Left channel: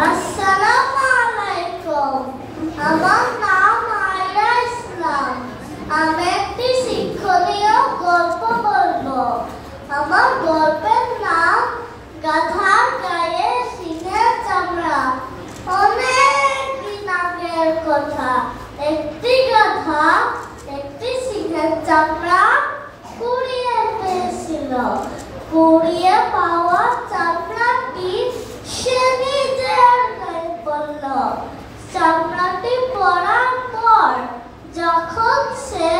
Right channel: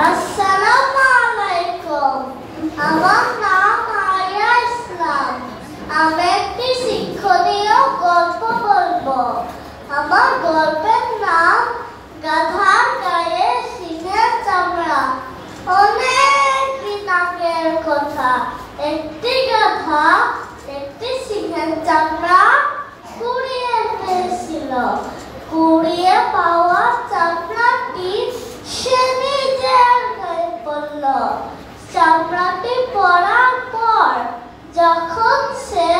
আসসালামু আলাইকুম। আমার নাম আয়রা ইসলাম। আমি একটি শিক্ষণীয় গল্প বলবো। আমার গল্পের নাম গাধার গায়ে সিংহের চামড়া। অনেক দিন আগের কথা। একটি গাধা একটি সিংহের চামড়া কুড়িয়ে পেয়েছিল। কুড়িয়ে পাওয়া চামড়াটি সে নিজের গায়ে পড়ল। চামড়াটি পরার পর যখন সে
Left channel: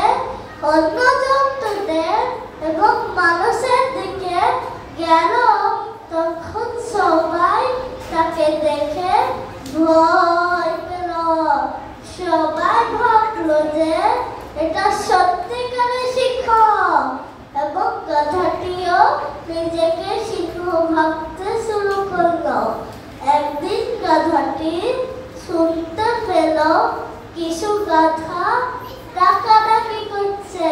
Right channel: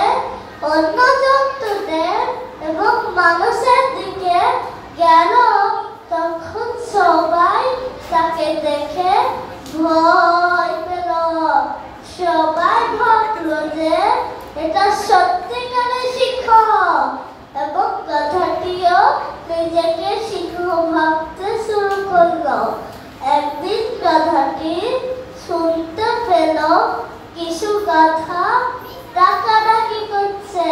অন্য জন্তুদের এবং মানুষের দিকে গেল, তখন সবাই তাকে দেখে ভয় পেল। সবাই ভাবলো যে এটা সত্যিকারের সিংহ, এবং গাধাটিও নিজেকে সিংহ ভাবতে শুরু করলো। একদিন গাধাটি শুনতে পেল কিছু গাধা ডাকাডাকি করছে।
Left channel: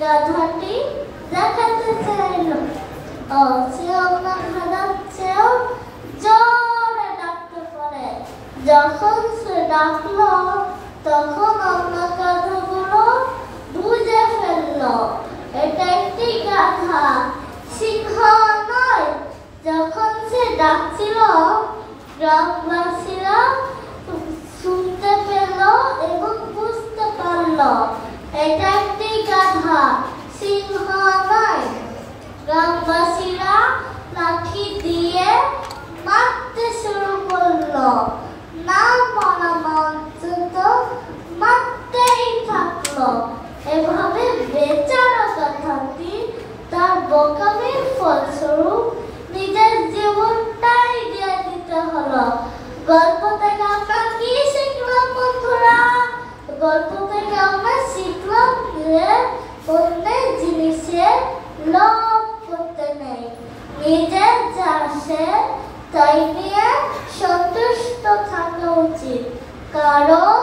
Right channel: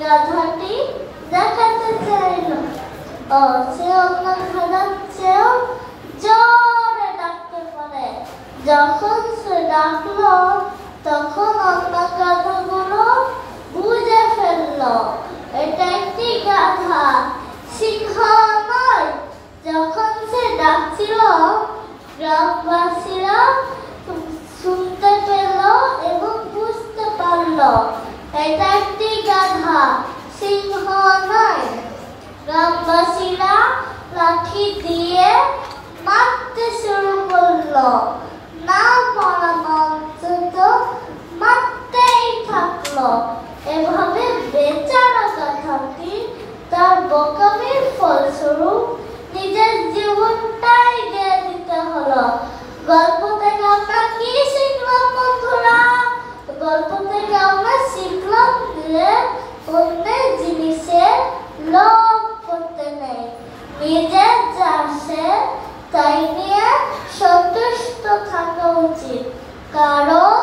গাধাটি দেখাতে চাইল সে অন্য গাধার চেয়েও জোরে ডাকতে পারে। যখন সে ডাকলো, তখন অন্য গাধাগুলো বুঝে ফেললো এটা একটি গাধা, সিংহ নয়। যখন সে ডাকছিল, গ্রামবাসীরা শুনতে পেল এবং বুঝতে পারল এটা একটি গাধা, সিংহ নয়। গ্রামবাসীরা লাঠি দিয়ে মারতে শুরু করলো। না মারা অন্তত মারতেই থাকলো। এভাবে বেচারা গাধাটি তার বোকামির ফলস্বরূপ নিজের জীবনটাই দিয়ে দিতে হলো। গল্প থেকে আমরা কি শিখলাম বন্ধুরা? গল্প থেকে আমরা শিখলাম যে অন্যের জিনিসে লোভ করতে নেই। নিজের যা আছে তাই নিয়ে সন্তুষ্ট থাকা উচিত, কারণ